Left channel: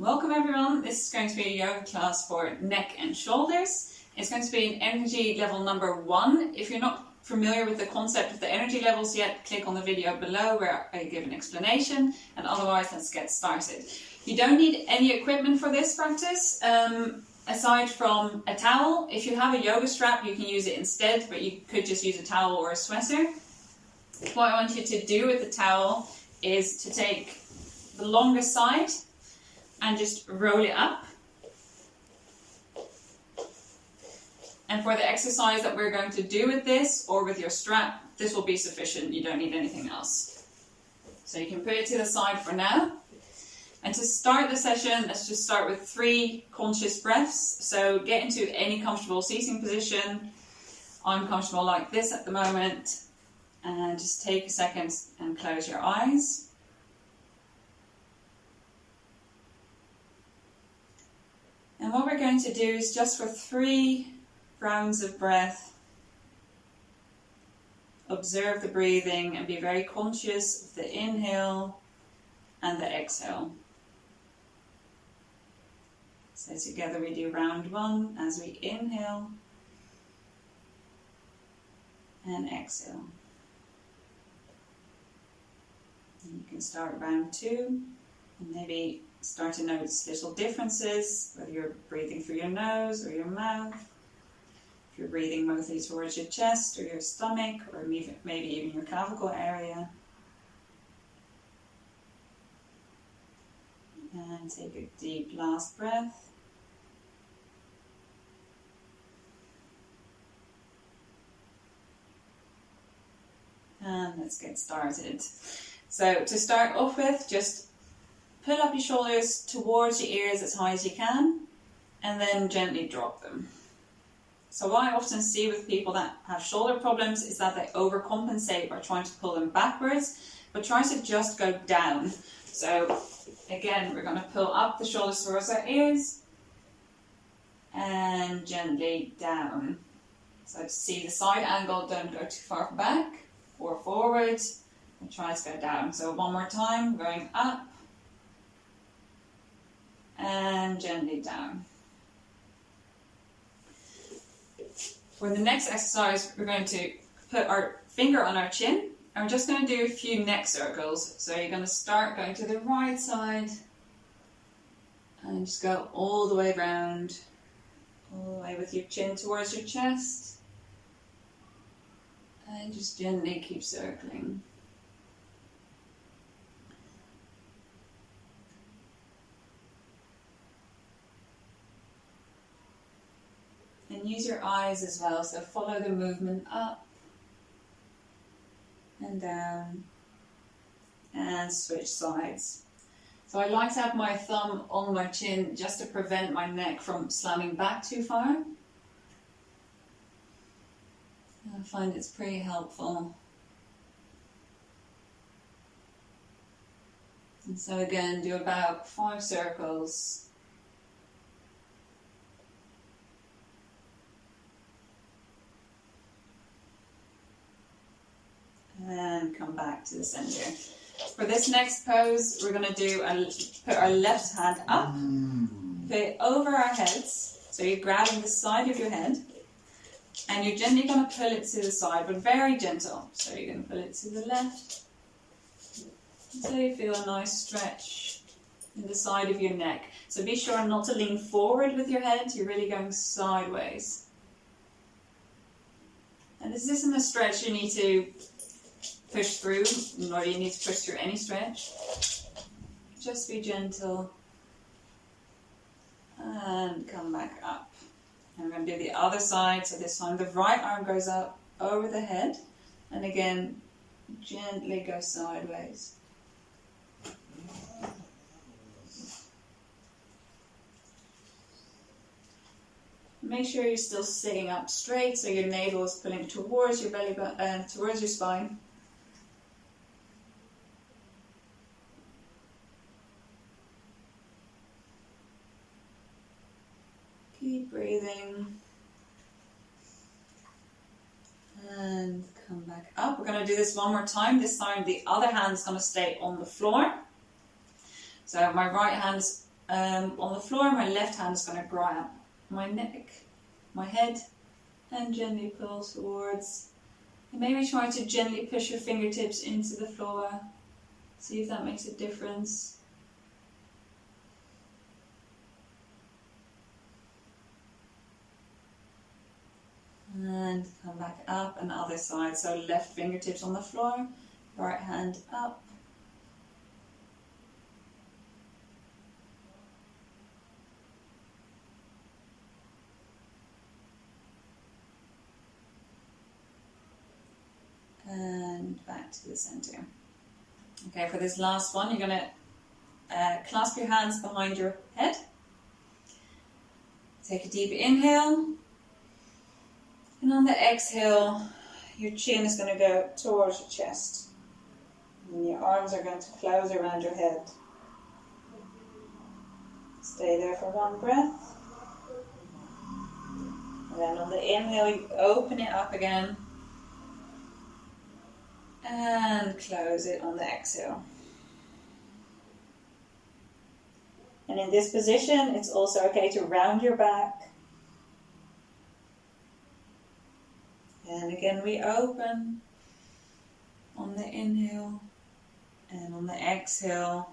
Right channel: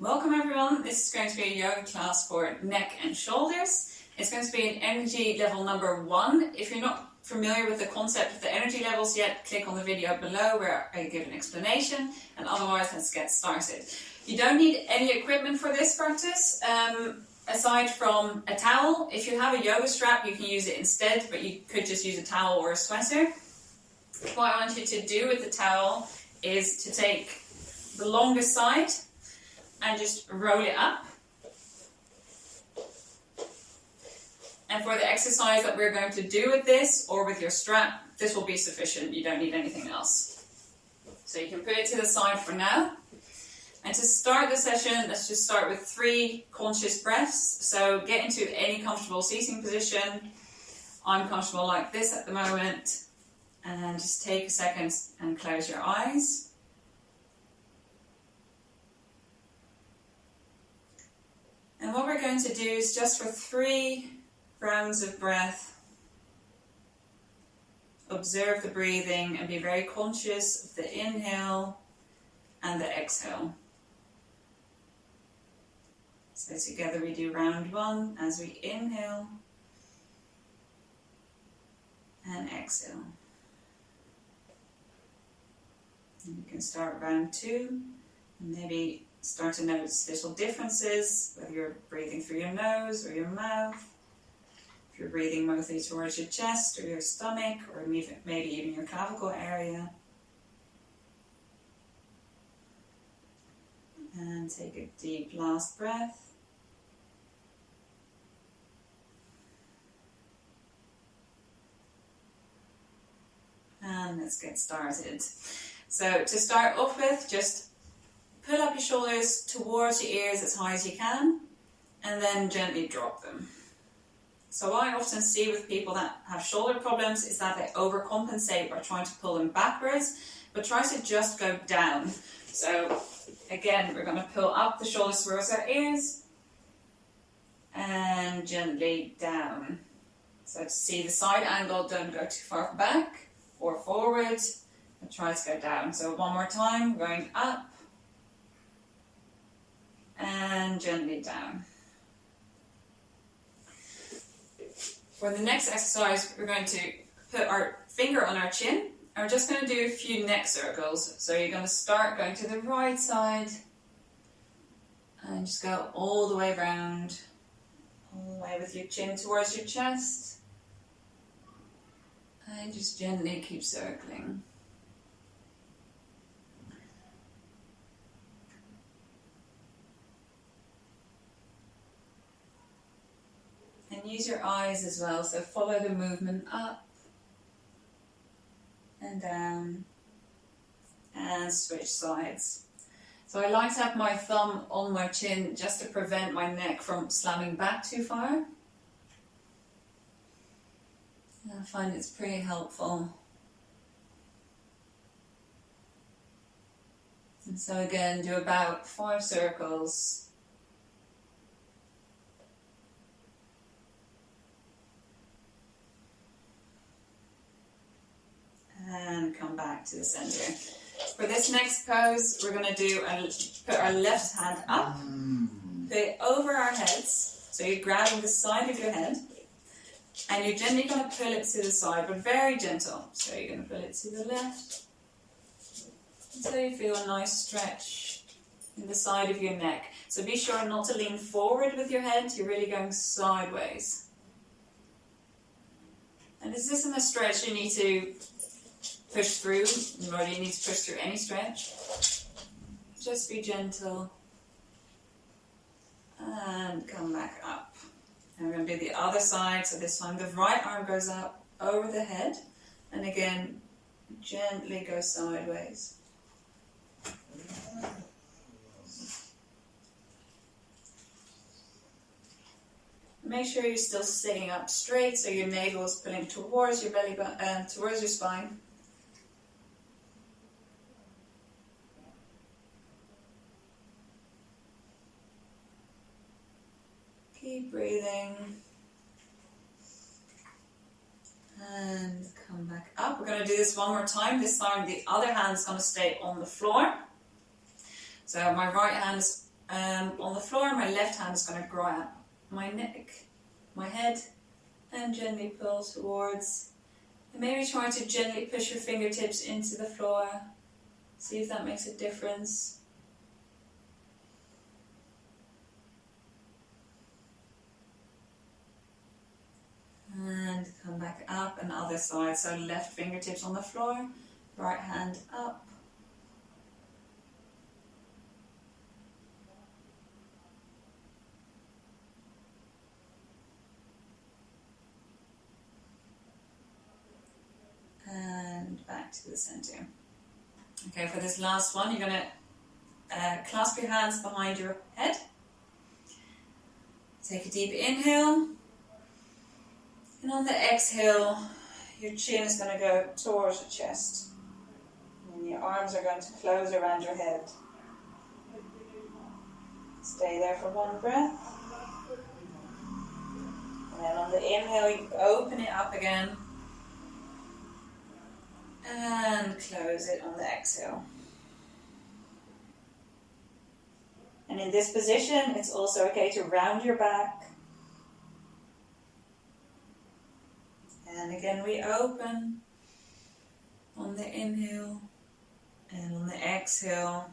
Welcome everyone, this is going to be a yoga class for neck and shoulders. It's going to be an energy level number 1. If you're not familiar with the concept of the energy levels yet, click on the video below where I give an explanation, and otherwise let's get started. You don't need any equipment for this practice, aside from a towel. If you have a yoga strap you can use it instead, but you could just use a towel or a sweater. What I want you to do with the towel is to take the longest side and just roll it up. And for the exercise that we're going to do with this, or with your strap, this will be sufficient. You don't need anything else. So you can put it to the side for now. And to start the session, let's just start with 3 conscious breaths. So get into any comfortable seating position. I'm comfortable like this at the moment. And just take a second and close your eyes. And what we're going to do is just for 3 rounds of breath, observe the breathing and be very conscious of the inhale and the exhale. So together we do round 1 as we inhale and exhale. And you can start round 2 and maybe start to notice little differences, whether you're breathing through your nose or your mouth, if you're breathing mostly towards your chest or your stomach, or maybe even your clavicle area. And take a deep last breath. And let's get started. So to start off with, just pull up your shoulders towards your ears as high as you can, and then gently drop them. So what I often see with people that have shoulder problems is that they overcompensate by trying to pull them backwards, but try to just go down. So again, we're going to pull up the shoulders towards our ears, and gently down. So to see the side angle, don't go too far back or forward, and try to go down. So one more time, going up, and gently down. For the next exercise, we're going to put our finger on our chin, and we're just going to do a few neck circles. So you're going to start going to the right side, and just go all the way around, all the way with your chin towards your chest, and just gently keep circling. And use your eyes as well, so follow the movement up and down and switch sides. So I like to have my thumb on my chin just to prevent my neck from slamming back too far. I find it's pretty helpful. And so again, do about 5 circles. And come back to the center. For this next pose, we're going to put our left hand up, put it over our heads. So you're grabbing the side of your head, and you're gently going to pull it to the side, but very gentle. So you're going to pull it to the left, until you feel a nice stretch in the side of your neck. So be sure not to lean forward with your head, you're really going sideways. And this isn't a stretch you need to push through, nor do you need to push through any stretch. Just be gentle and come back up. And we're going to do the other side. So this time the right arm goes up over the head, and again gently go sideways. Make sure you're still sitting up straight, so your navel is pulling towards your belly button, towards your spine. Keep breathing. And come back up. We're going to do this one more time. This time the other hand is going to stay on the floor. So my right hand is on the floor, my left hand is going to grab my neck, my head, and gently pull towards. And maybe try to gently push your fingertips into the floor. See if that makes a difference. And come back up and other side. So left fingertips on the floor, right hand up. And back to the center. Okay, for this last one, you're going to clasp your hands behind your head. Take a deep inhale. And on the exhale, your chin is going to go towards your chest. And your arms are going to close around your head. Stay there for one breath. And then on the inhale, you open it up again. And close it on the exhale. And in this position, it's also okay to round your back. And again, we open on the inhale and on the exhale.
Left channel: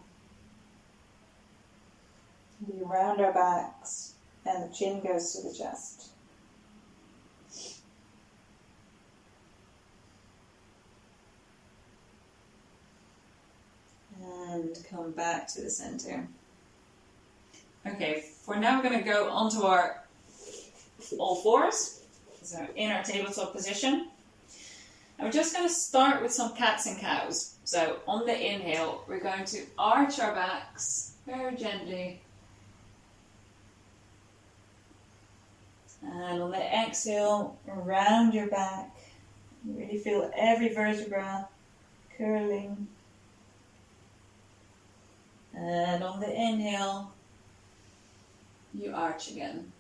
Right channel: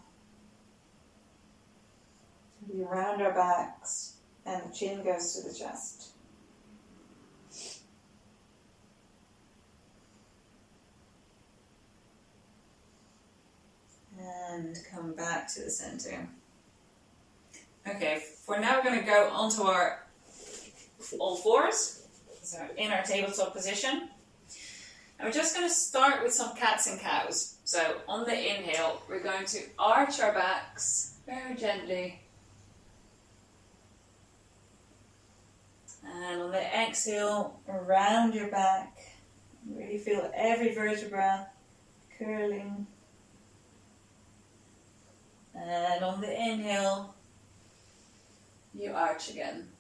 We round our backs and the chin goes to the chest. And come back to the center. Okay, for now we're going to go onto our all fours. So in our tabletop position. And we're just going to start with some cats and cows. So on the inhale, we're going to arch our backs very gently. And on the exhale, round your back. Really feel every vertebra curling. And on the inhale, you arch again.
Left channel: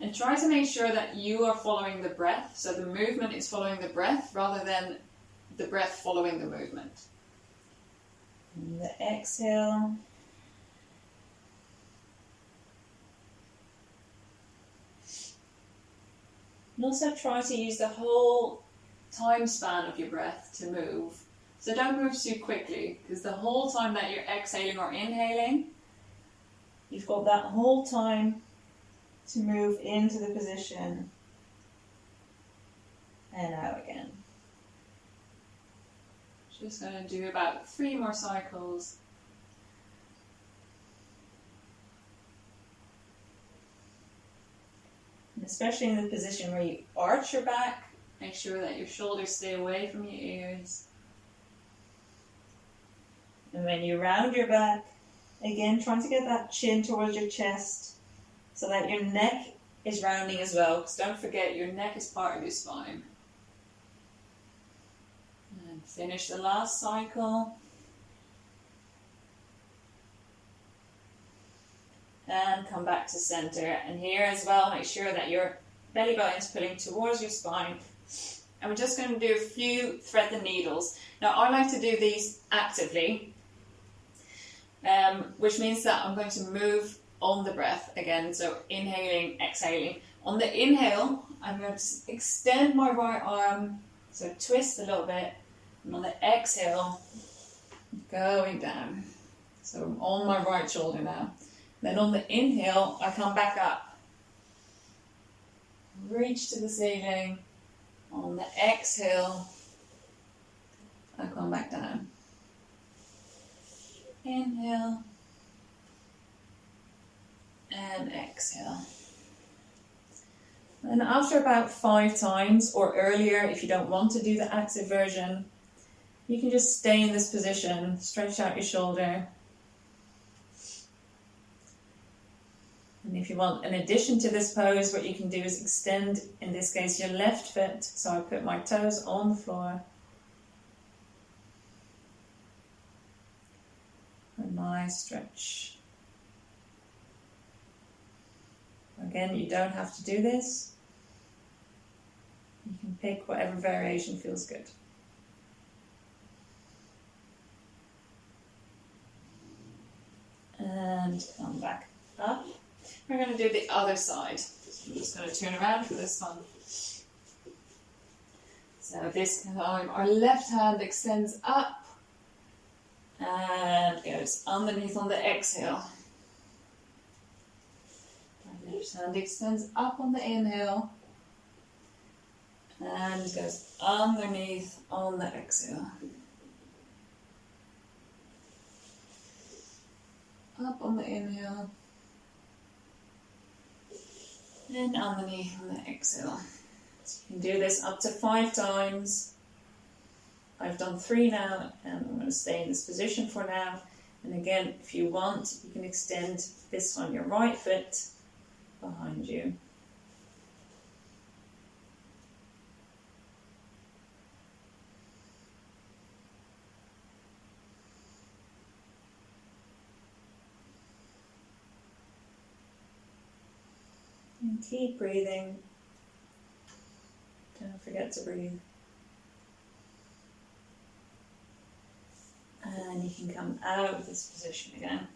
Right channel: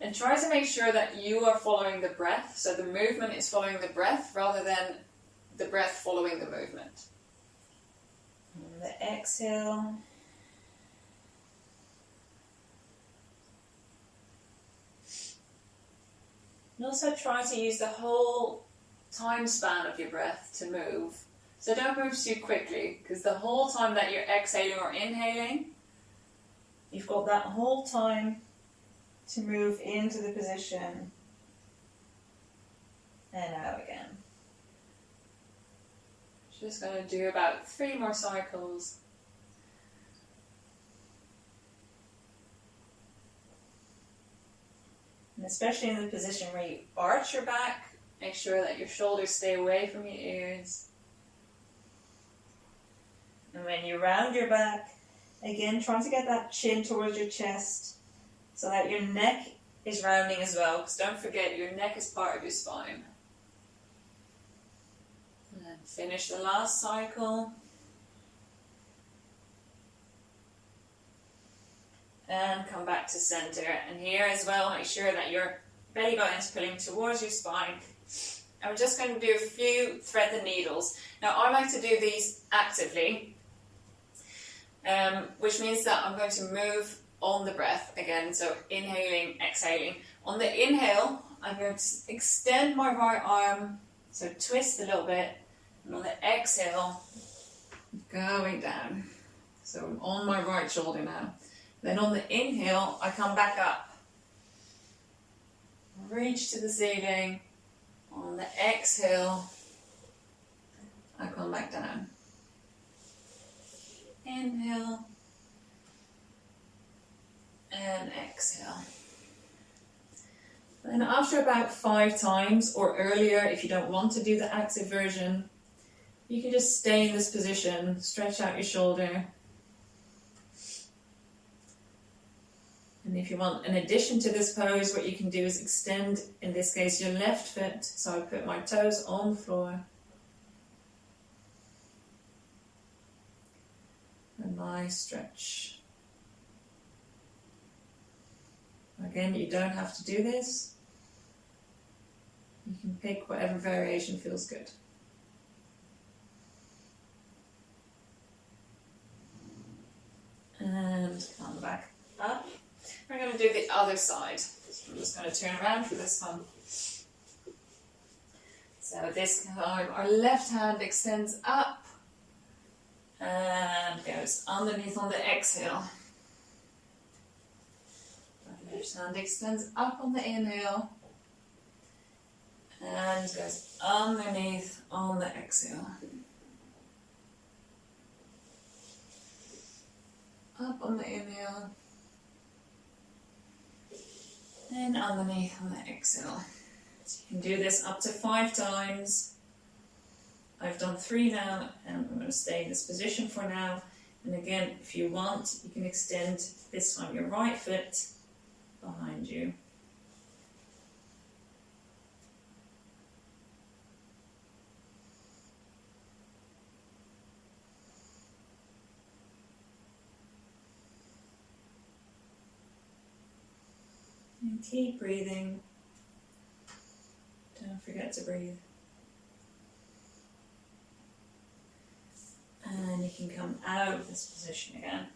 And try to make sure that you are following the breath, so the movement is following the breath rather than the breath following the movement. And the exhale. And also try to use the whole time span of your breath to move. So don't move too quickly, because the whole time that you're exhaling or inhaling, you've got that whole time to move into the position and out again. Just going to do about 3 more cycles. And especially in the position where you arch your back, make sure that your shoulders stay away from your ears. And when you round your back, again, trying to get that chin towards your chest so that your neck is rounding as well. Because don't forget, your neck is part of your spine. And finish the last cycle. And come back to center. And here as well, make sure that your belly button is pulling towards your spine. And we're just going to do a few thread the needles. Now, I like to do these actively. Which means that I'm going to move on the breath again, so inhaling, exhaling. On the inhale, I'm going to extend my right arm, so twist a little bit, and on the exhale, going down. So I'm on my right shoulder now. Then on the inhale, I come back up, reach to the ceiling. On the exhale, I come back down. Inhale and exhale. And after about 5 times or earlier, if you don't want to do the active version, you can just stay in this position, stretch out your shoulder. And if you want an addition to this pose, what you can do is extend, in this case, your left foot. So I put my toes on the floor. A nice stretch. Again, you don't have to do this. You can pick whatever variation feels good. And come to do the other side. So I'm just going to turn around for this one. So this time our left hand extends up and goes underneath on the exhale. Our left hand extends up on the inhale and goes underneath on the exhale. Up on the inhale and underneath on the exhale. So you can do this up to 5 times. I've done 3 now, and I'm going to stay in this position for now. And again, if you want, you can extend this on your right foot behind you. And keep breathing. Don't forget to breathe. And you can come out of this position again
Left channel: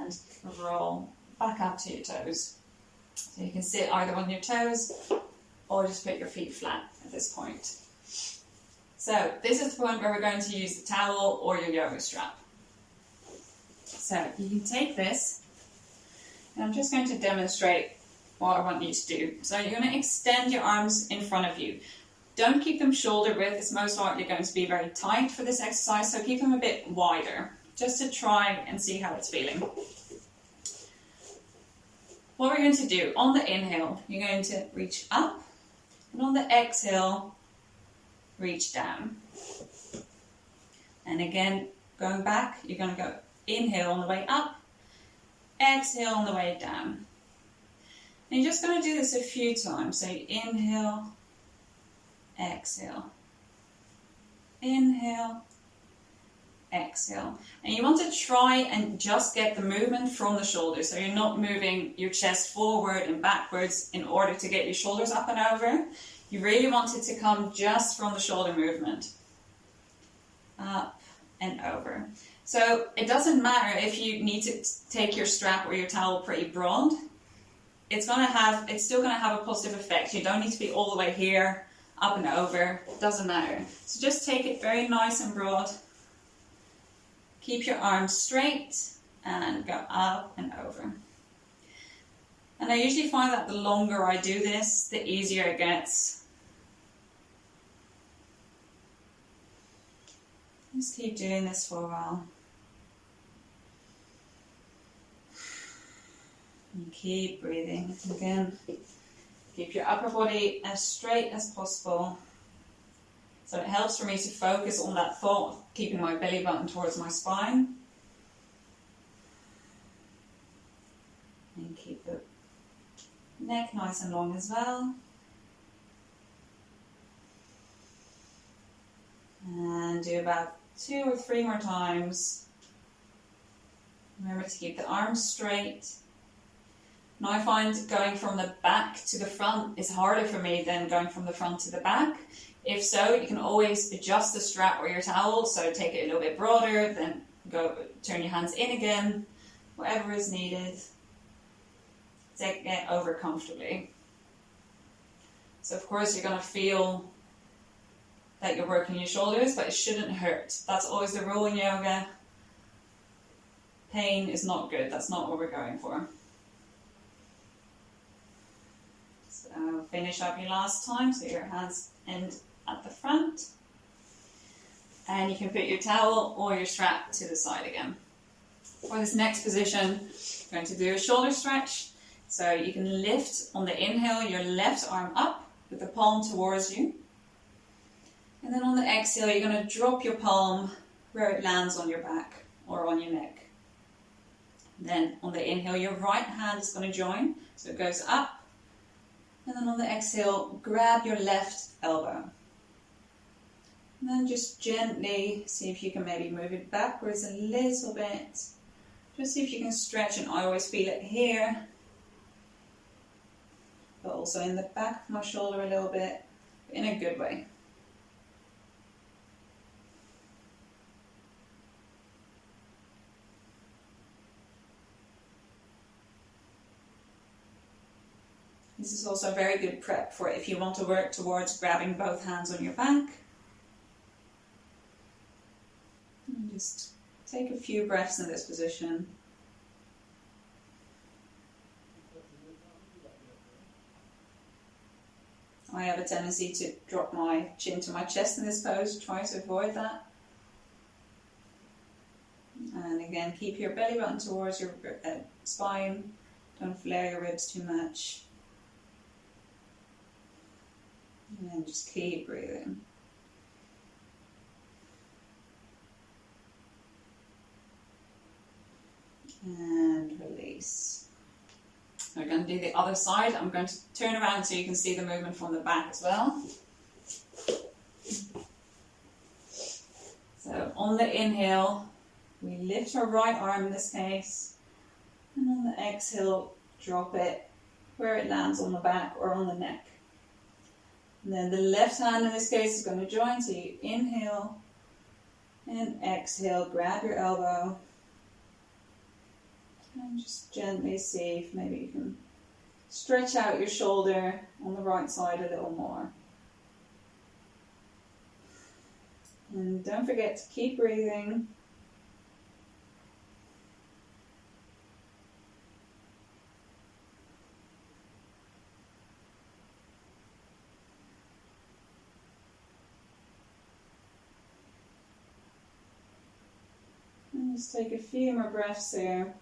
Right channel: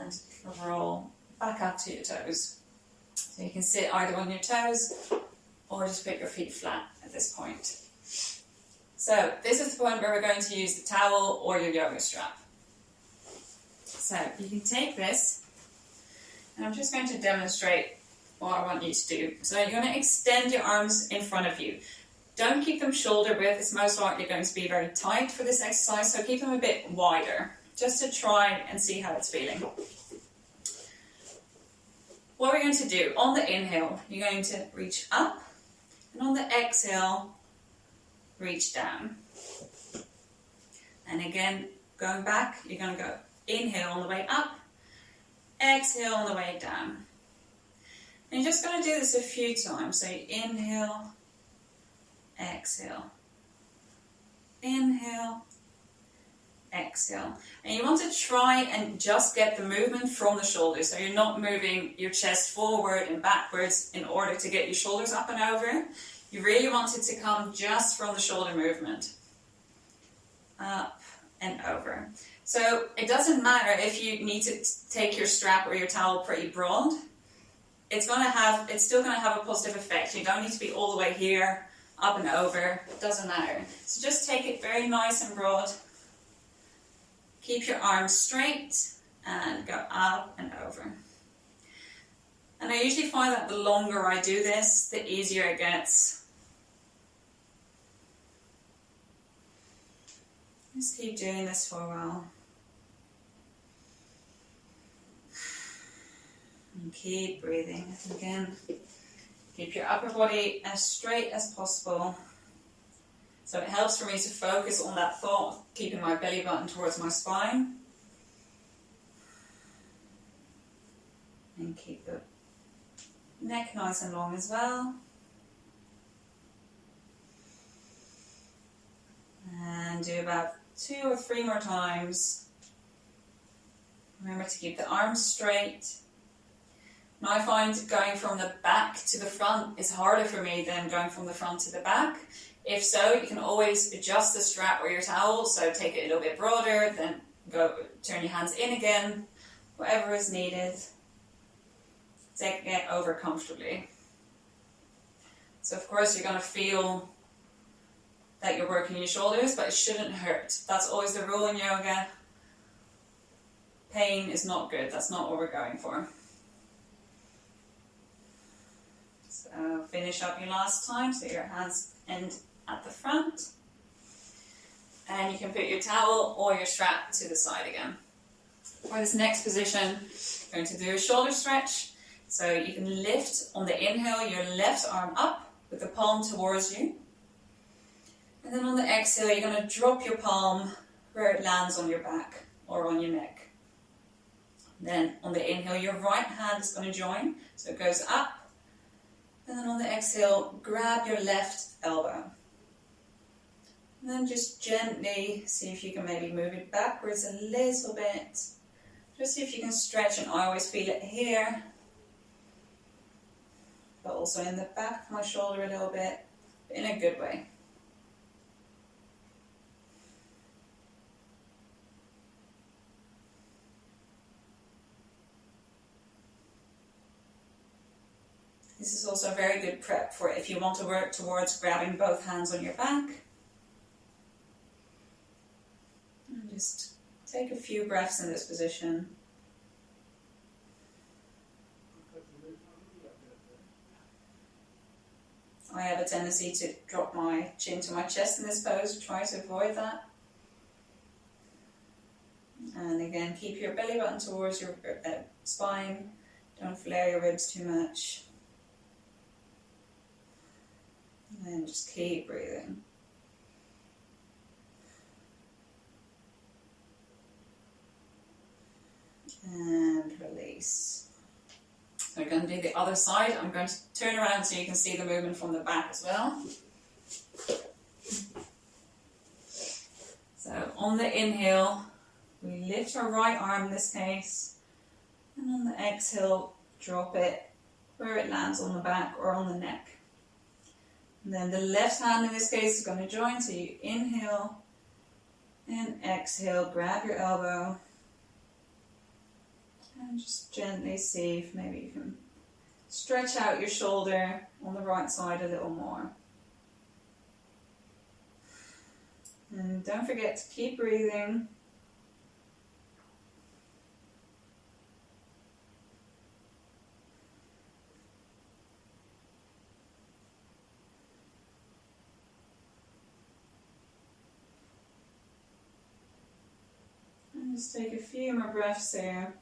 and roll back up to your toes. So you can sit either on your toes or just put your feet flat at this point. So this is the point where we're going to use the towel or your yoga strap. So you can take this, and I'm just going to demonstrate what I want you to do. So you're going to extend your arms in front of you. Don't keep them shoulder width, it's most likely going to be very tight for this exercise, so keep them a bit wider, just to try and see how it's feeling. What we're going to do, on the inhale, you're going to reach up, and on the exhale, reach down. And again, going back, you're going to go inhale on the way up, exhale on the way down. And you're just going to do this a few times. So you inhale, exhale, inhale, exhale. And you want to try and just get the movement from the shoulders. So you're not moving your chest forward and backwards in order to get your shoulders up and over. You really want it to come just from the shoulder movement. Up and over. So it doesn't matter if you need to take your strap or your towel pretty broad. It's still going to have a positive effect. You don't need to be all the way here, up and over. It doesn't matter. So just take it very nice and broad. Keep your arms straight and go up and over. And I usually find that the longer I do this, the easier it gets. Just keep doing this for a while. And keep breathing. Again, keep your upper body as straight as possible. So it helps for me to focus on that thought of keeping my belly button towards my spine. And keep the neck nice and long as well. And do about 2 or 3 more times. Remember to keep the arms straight. Now I find going from the back to the front is harder for me than going from the front to the back. If so, you can always adjust the strap or your towel, so take it a little bit broader, then turn your hands in again, whatever is needed. Take it over comfortably. So of course you're going to feel that you're working your shoulders, but it shouldn't hurt. That's always the rule in yoga. Pain is not good, that's not what we're going for. So finish up your last time, so your hands end at the front. And you can put your towel or your strap to the side again. For this next position, I'm going to do a shoulder stretch. So you can lift on the inhale your left arm up with the palm towards you. And then on the exhale, you're going to drop your palm where it lands on your back or on your neck. Then on the inhale, your right hand is going to join. So it goes up. And then on the exhale, grab your left elbow. And then just gently see if you can maybe move it backwards a little bit. Just see if you can stretch, and I always feel it here, but also in the back of my shoulder a little bit, in a good way. This is also a very good prep for if you want to work towards grabbing both hands on your back. And just take a few breaths in this position. I have a tendency to drop my chin to my chest in this pose, try to avoid that. And again, keep your belly button towards your spine, don't flare your ribs too much. And then just keep breathing. And release. We're going to do the other side. I'm going to turn around so you can see the movement from the back as well. So on the inhale, we lift our right arm in this case, and on the exhale, drop it where it lands on the back or on the neck. And then the left hand in this case is going to join, so you inhale and exhale, grab your elbow. And just gently see if maybe you can stretch out your shoulder on the right side a little more. And don't forget to keep breathing. And just take a few more breaths here.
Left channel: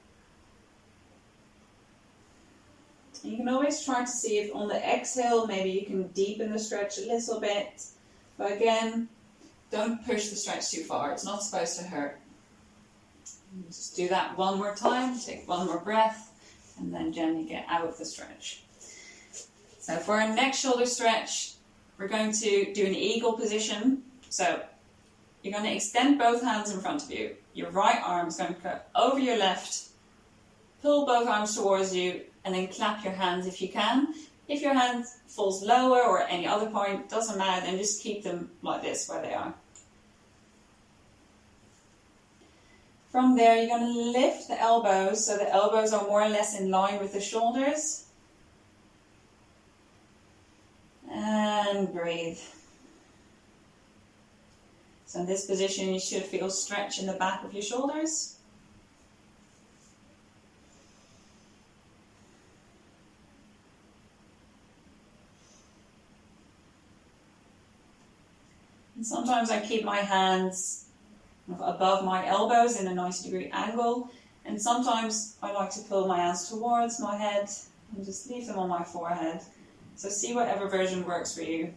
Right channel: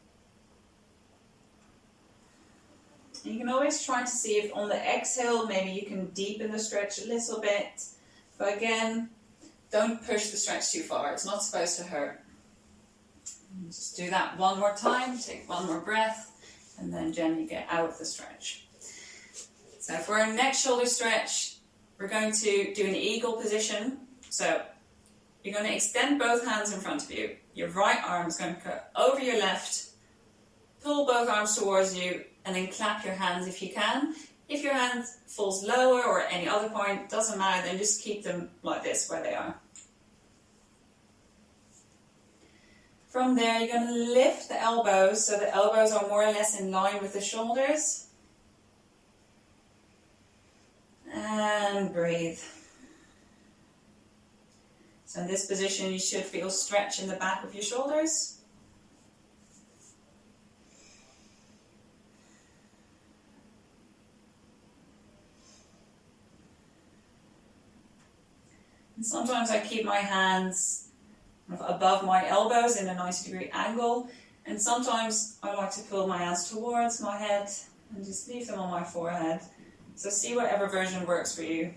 You can always try to see if on the exhale maybe you can deepen the stretch a little bit. But again, don't push the stretch too far. It's not supposed to hurt. And just do that one more time. Take one more breath and then gently get out of the stretch. So for our next shoulder stretch, we're going to do an eagle position. So you're going to extend both hands in front of you. Your right arm is going to go over your left. Pull both arms towards you and then clap your hands if you can. If your hand falls lower or at any other point, doesn't matter, then just keep them like this where they are. From there, you're going to lift the elbows so the elbows are more or less in line with the shoulders. And breathe. So in this position, you should feel stretch in the back of your shoulders. And sometimes I keep my hands above my elbows in a 90-degree angle, and sometimes I like to pull my hands towards my head and just leave them on my forehead. So see whatever version works for you.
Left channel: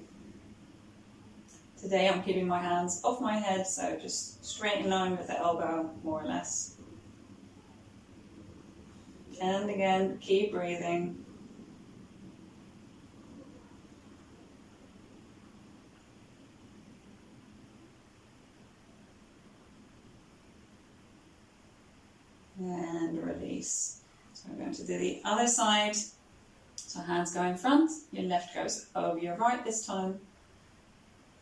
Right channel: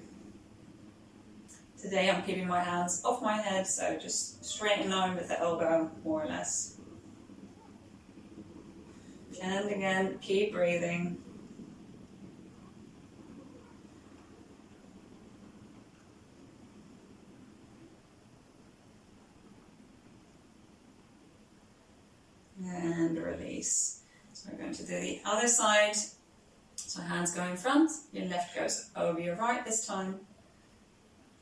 Today I'm keeping my hands off my head, so just straight in line with the elbow, more or less. And again, keep breathing. And release. So we're going to do the other side. So hands go in front, your left goes over your right this time.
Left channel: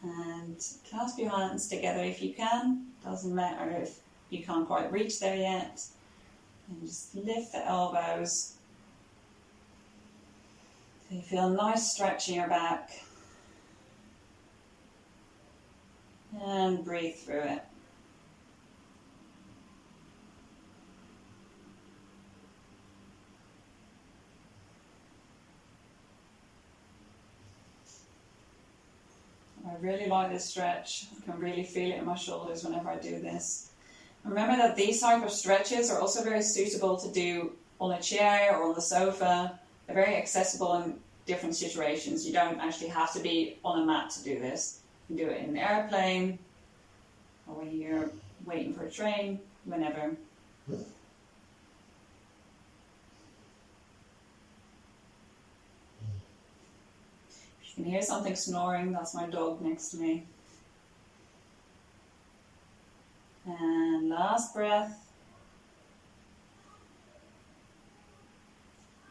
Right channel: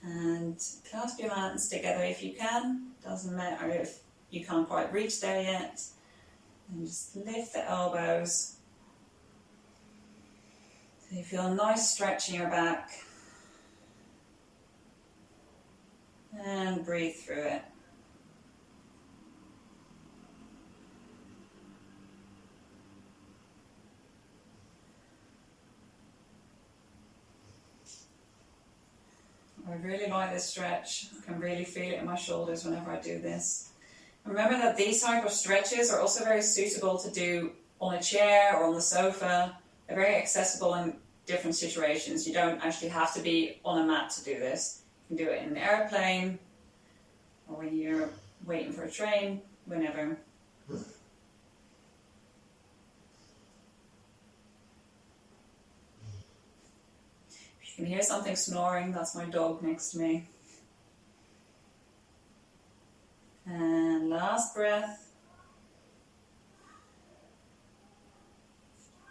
And clasp your hands together if you can. Doesn't matter if you can't quite reach there yet. And just lift the elbows. So you feel a nice stretch in your back. And breathe through it. I really like this stretch. I can really feel it in my shoulders whenever I do this. Remember that these type of stretches are also very suitable to do on a chair or on the sofa. They're very accessible in different situations. You don't actually have to be on a mat to do this. You can do it in an airplane or when you're waiting for a train, whenever. You can hear something snoring, that's my dog next to me. And last breath.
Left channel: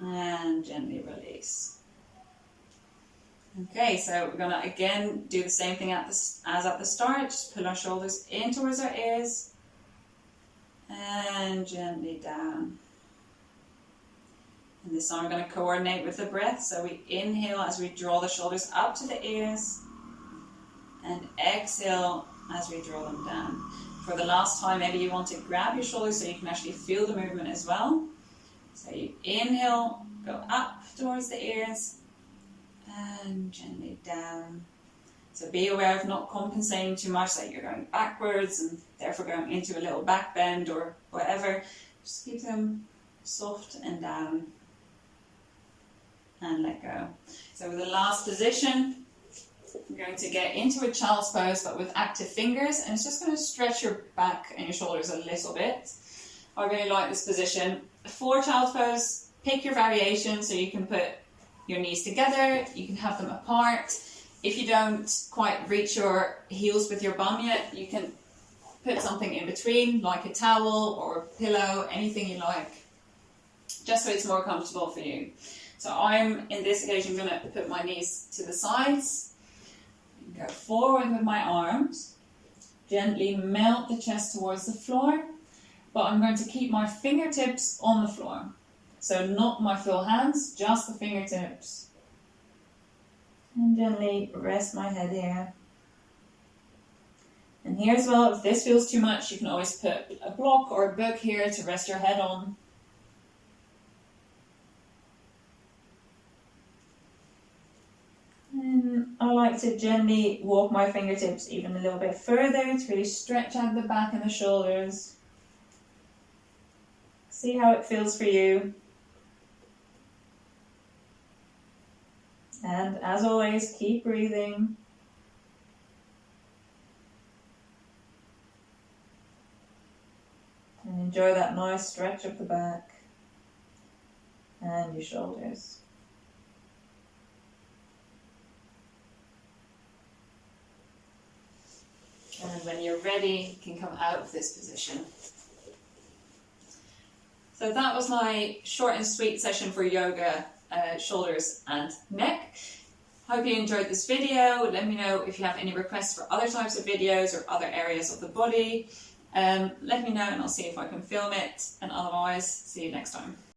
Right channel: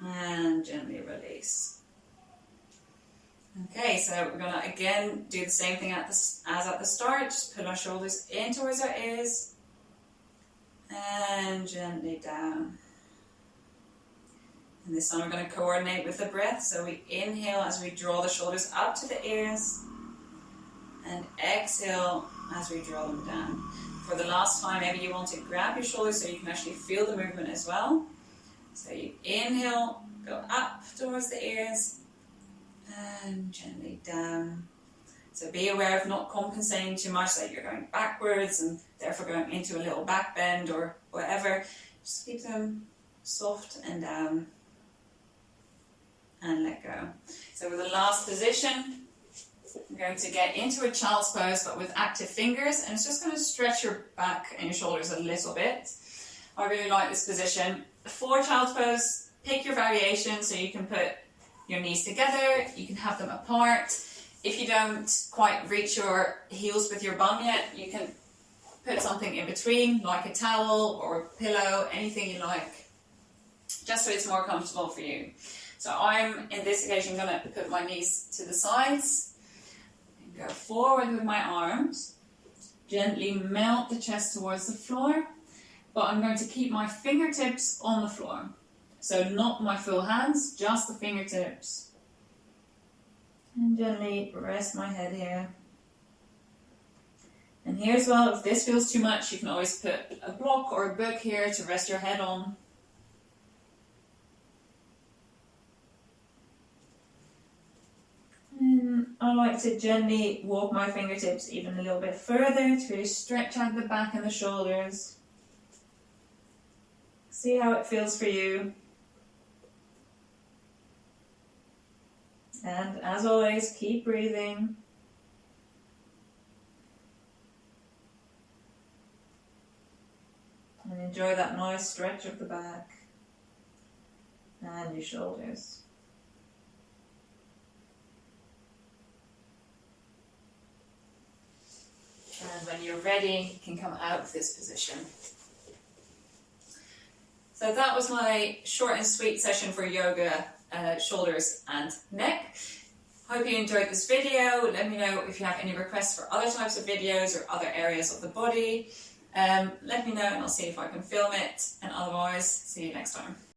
And gently release. Okay, so we're going to again do the same thing as at the start. Just pull our shoulders in towards our ears. And gently down. And And this time we're going to coordinate with the breath. So we inhale as we draw the shoulders up to the ears, and exhale as we draw them down. For the last time, maybe you want to grab your shoulders so you can actually feel the movement as well. So you inhale, go up towards the ears, and gently down. So be aware of not compensating too much, that you're going backwards and therefore going into a little back bend or whatever. Just keep them soft and down, and let go. So with the last position, we're going to get into a child's pose, but with active fingers, and it's just going to stretch your back and your shoulders a little bit. I really like this position. For child's pose, pick your variation, so you can put your knees together, you can have them apart. If you don't quite reach your heels with your bum yet, you can put something in between, like a towel or a pillow, anything you like, just so it's more comfortable for you. So I'm, in this occasion, going to put my knees to the sides, and go forward with my arms, gently melt the chest towards the floor, but I'm going to keep my fingertips on the floor. So not my full hands, just the fingertips. And gently rest my head here. And here as well, if this feels too much, you can always put a block or a book here to rest your head on. And I like to gently walk my fingertips even a little bit further to really stretch out the back and the shoulders. See how it feels for you. And as always, keep breathing. And enjoy that nice stretch of the back and your shoulders. And when you're ready, you can come out of this position. So that was my short and sweet session for yoga, shoulders and neck. Hope you enjoyed this video. Let me know if you have any requests for other types of videos or other areas of the body. Let me know and I'll see if I can film it. And otherwise, see you next time.